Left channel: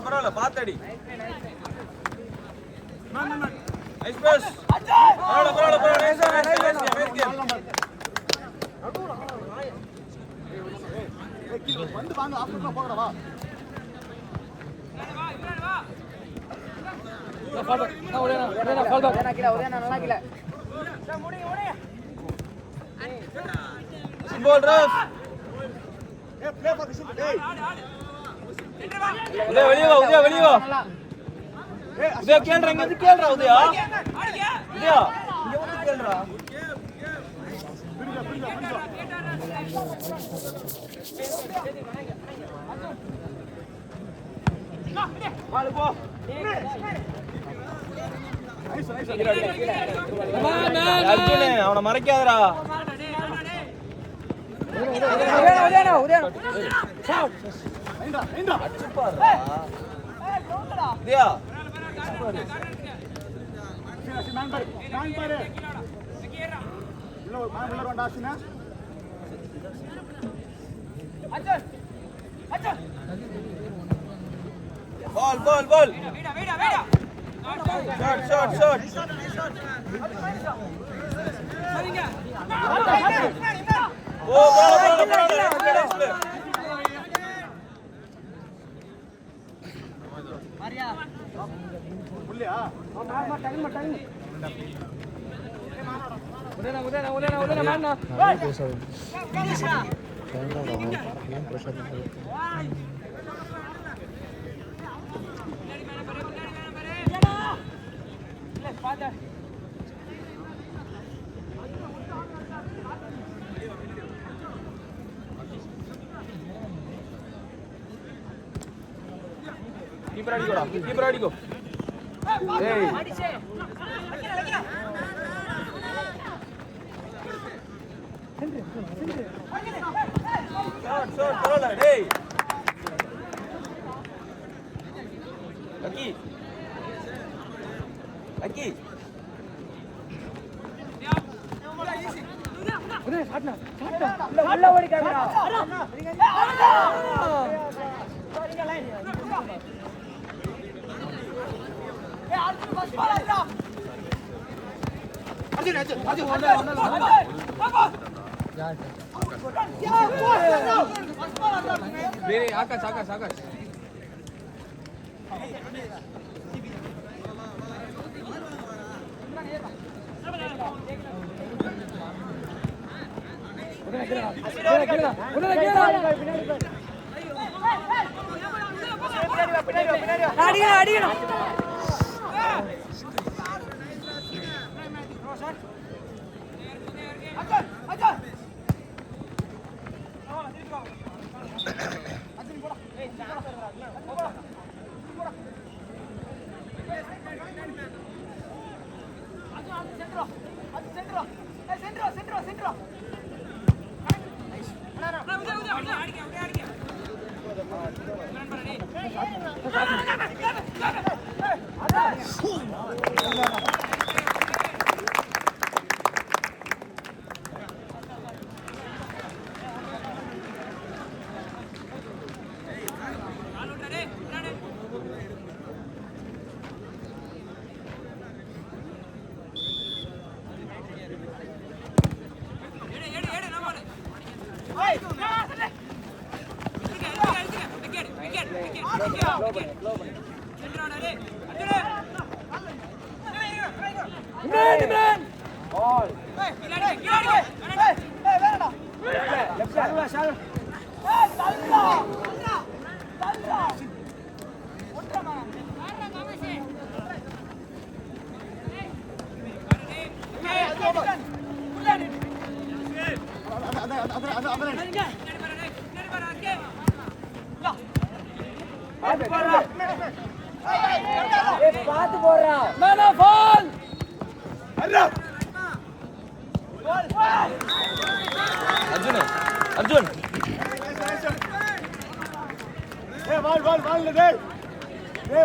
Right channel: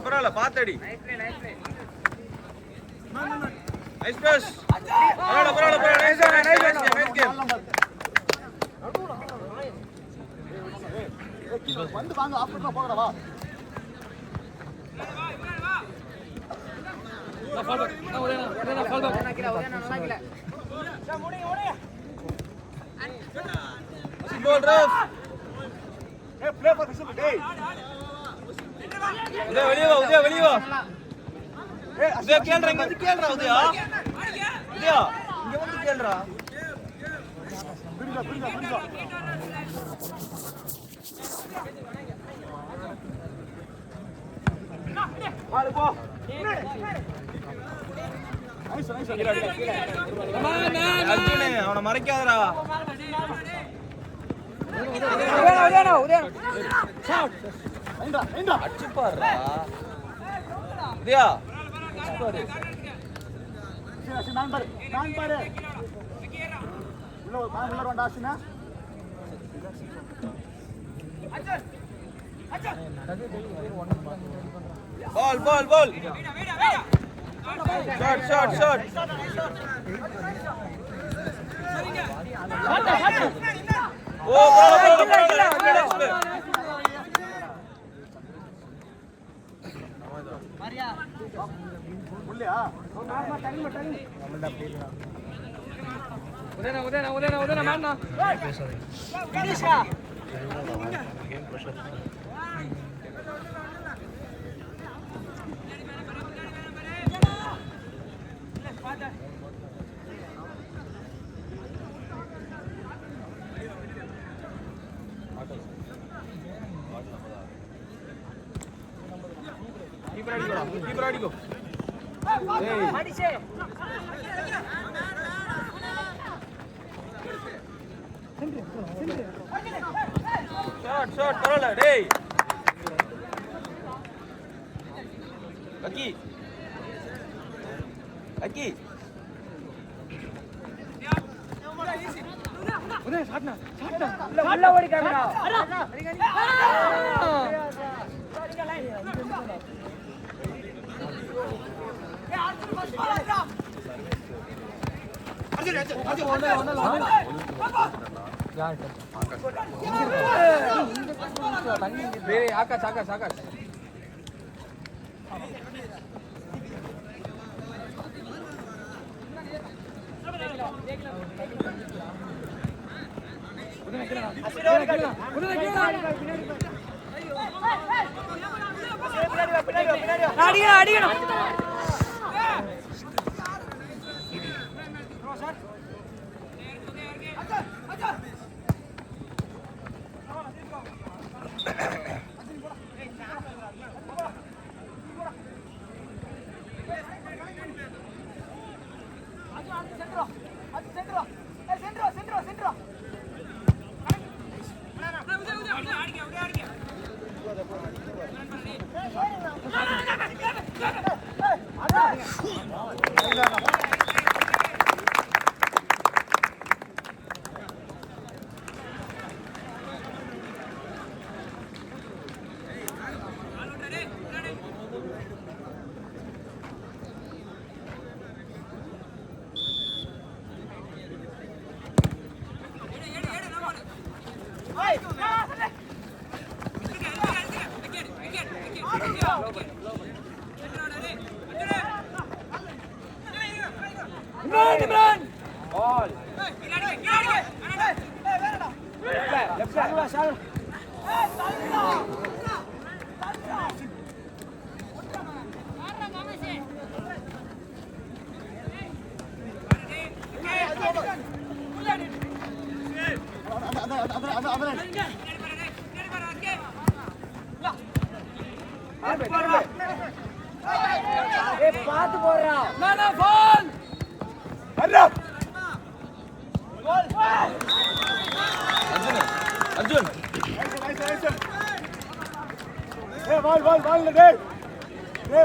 பரவாயில்ல பாத்தடி வந்து வாங்க ஆஃபீஸ்ல போகறவா சிம்போல் ரஃப் உதய வெளிய வா உதய வெளிய வா உதய கேள்றா இங்க வந்து கேள்றா உதயா உதயா இங்க வந்து கேள்றா பிடிங்க பிடிங்க பிடிங்க வாளு போ அர்ஜுனே அவனை மறைக்காதடா நான் பாரு உள்ள வேண்டா ஆசினா ball ball ball shot shot shot oh ball Maria உள்ளியா மாமா டங்க டங்க உடனே வாடா keep ready go hey Aki Akash centro Arjun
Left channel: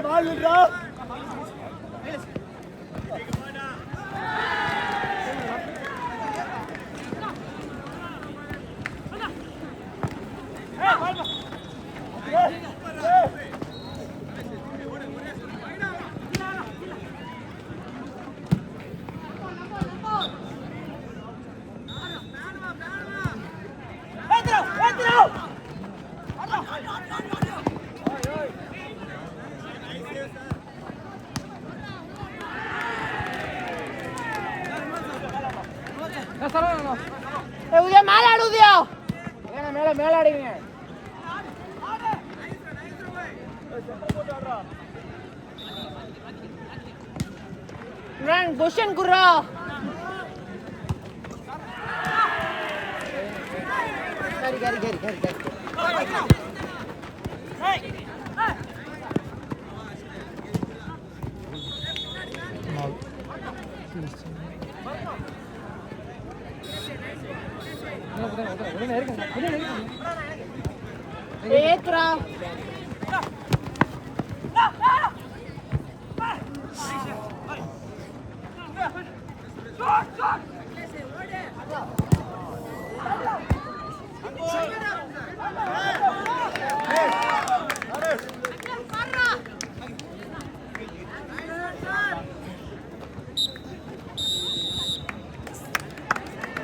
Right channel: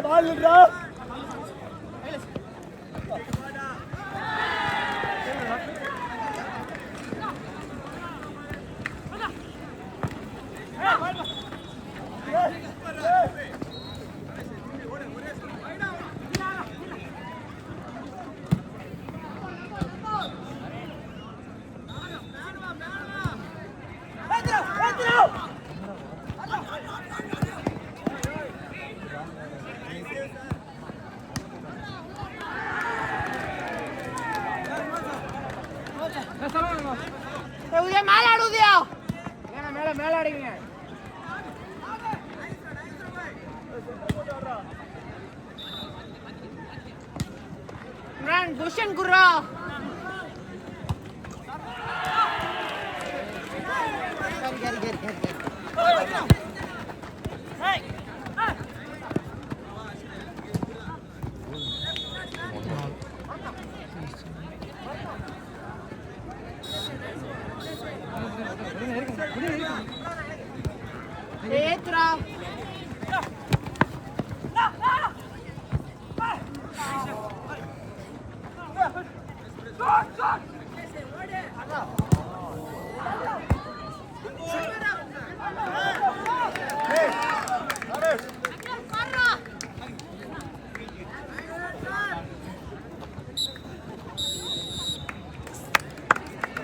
ball Udaya மேல ஆடு உதயா மேல மேல ஆடுங்க நான் क्वेश्चन குறா கேரி ஏத்ரா